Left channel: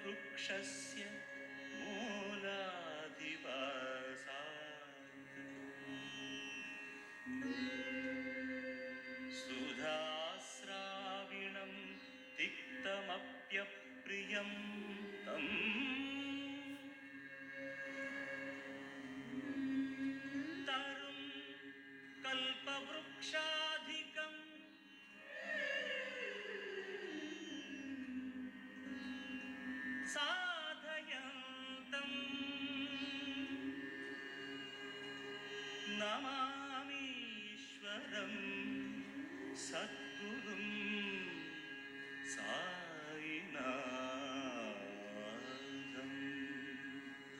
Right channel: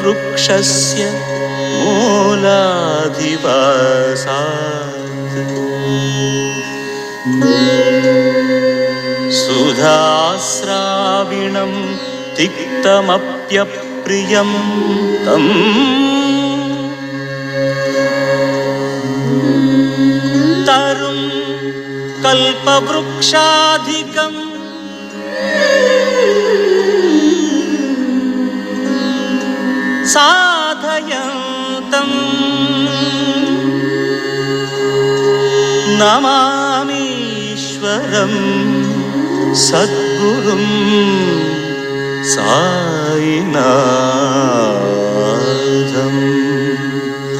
वृक्षस्य मूलाधिवासात् सुधास्राविणं तिक्तमप्यप्रियं तम् तरुं कल्पवृक्षाधिकम् साधयन्तम् नमामीश्वरं सद्गुरुं साईनाथम्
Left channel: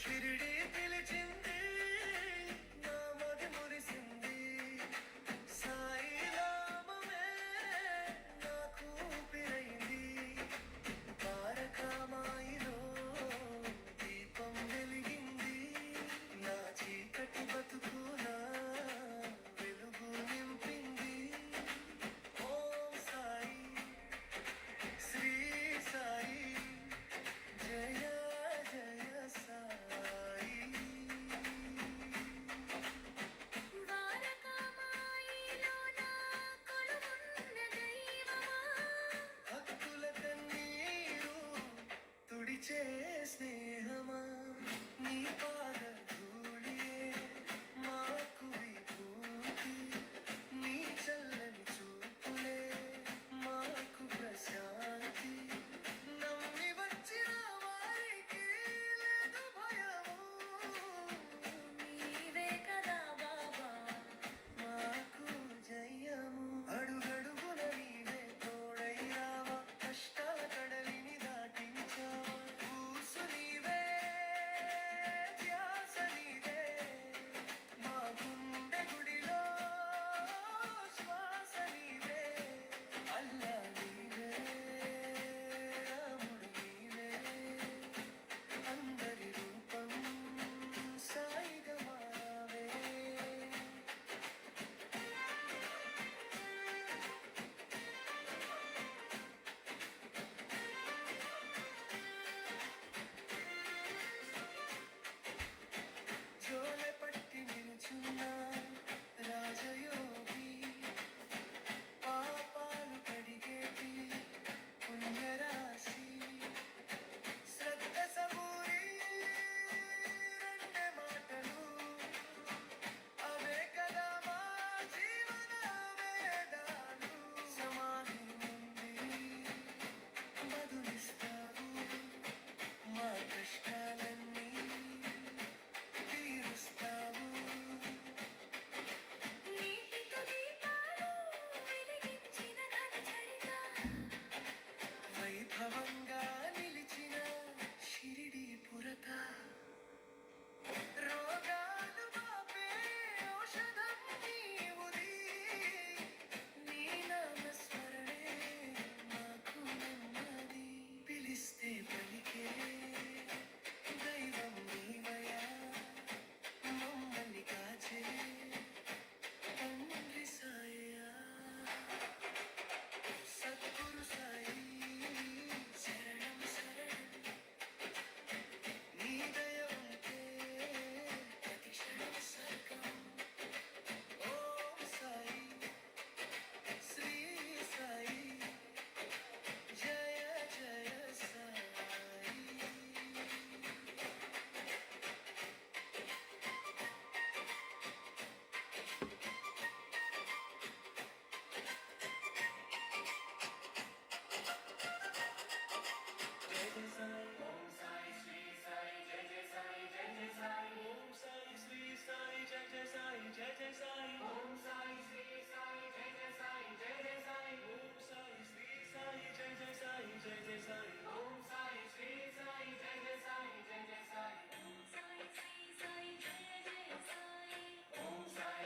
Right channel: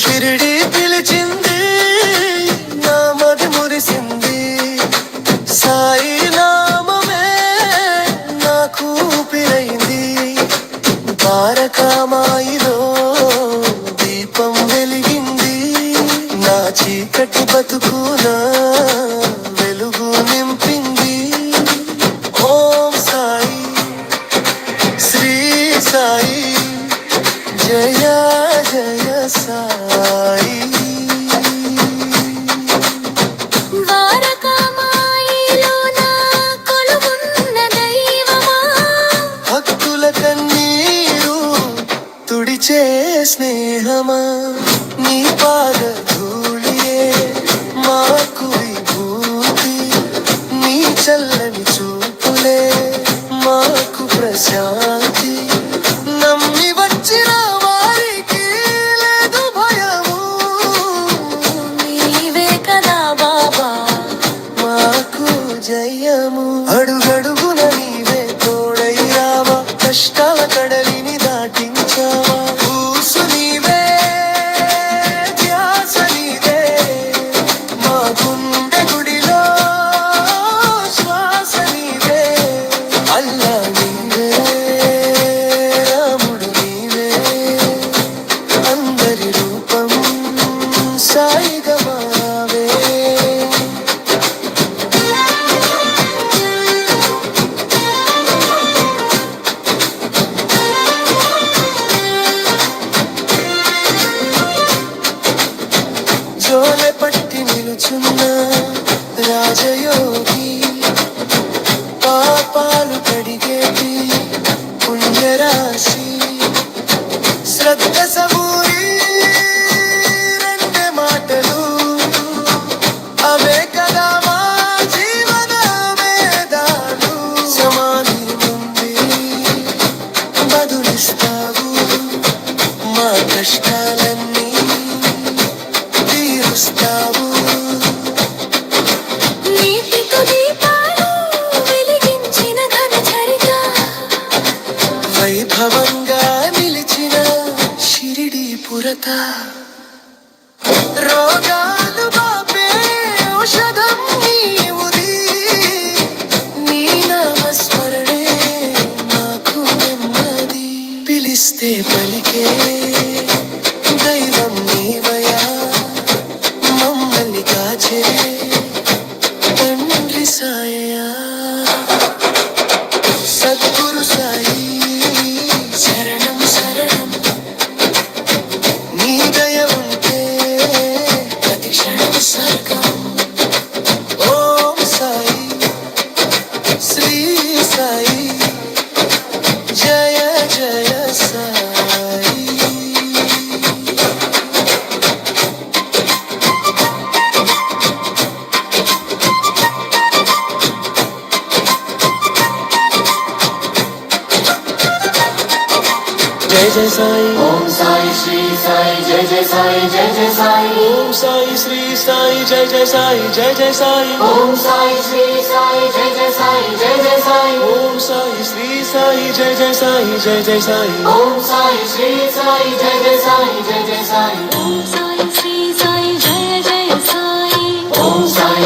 షిరిడి పిలిచింది నా మది మురిసింది సాయి నామమే నాకు ఊపిరైంది ద్వారకామాయిలో దీపం వెలిగింది నా చీకటి బతుకున వెలుగు నింపింది ఓం సాయి శ్రీ సాయి జయ జయ సాయి ద్వారకామాయిలో నా కొలువున్న దైవమా భక్తుల కన్నీరు తుడిచే స్నేహమా నీ పాద ధూళియే మాకు విభూతి నీ చల్లని చూపులే మాకు ప్రశాంతి నమ్మి వచ్చిన వారికి లేదు భయము నీవే కదా బాబా మాకు జయము అడుగడుగున నీవే తోడై రావా కష్టాల కడలిని దాటించావా ఊసు నీవే ధ్యాస నీవే మా గుండె గుడిలో శ్వాస నీవే అల్లా నీవే రాముడు నీవే అందరి రూపం సాయిగా మావే జోలె పట్టి నిలుచున్న రాజయోగి పాపాలు కడిగేటి పుణ్యరాశి శ్రద్ధ సబూరి రెండే మాటలు అవే కదా మా జీవన వేదాలు సమాధి నుండి బదులిస్తావు మా కష్టాలన్నీ తీరుస్తావు నీటితో దీపాలు వెలిగించిన ఘనచరిత వైభవంగా నిలిచిన షిరిడి పురత రోగాలు బాపే ఔషధం నీవుది నీ నామస్మరణే నాకు నెమ్మది పిలిస్తే పలికే దైవం నీవయా మమ్మల్ని కాచే తండ్రి సాయా సద్గురు సాయి శరణం శరణం నీ దయ ఉంటే ప్రతి క్షణం స్వర్గం ఓం సాయి శ్రీ సాయి జయ జయ సాయి जय जय साई ओम साई श्री साई जय जय साई जय जय साई ओम साई श्री साई जय जय साई जय जय साई ओम साई श्री साई जय जय साई जय जय साई ओम साई श्री साई जय जय साई जय जय साई ओम साई श्री साई जय जय साई जय जय साई ఓం సాయి శ్రీ సాయి జయ జయ సాయి ओम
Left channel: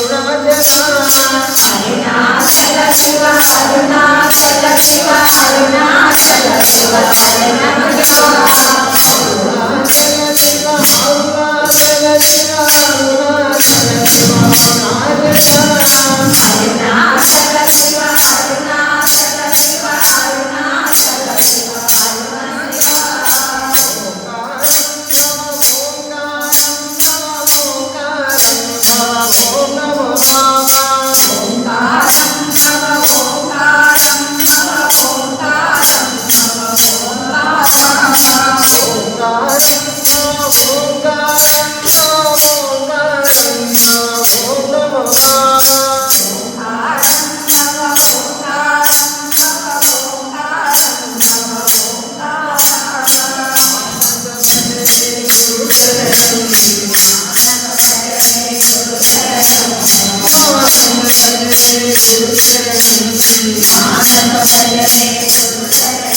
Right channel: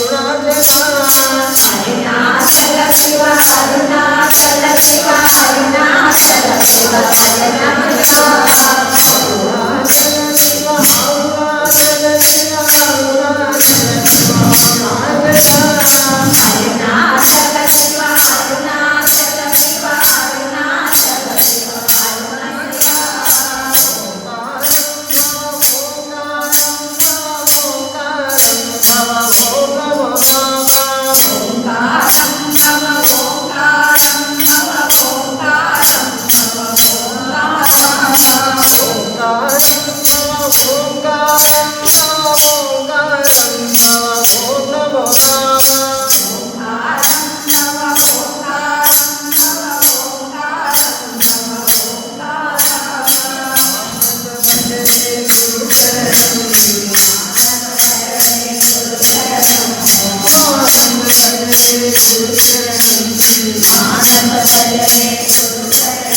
Thank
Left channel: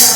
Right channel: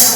you.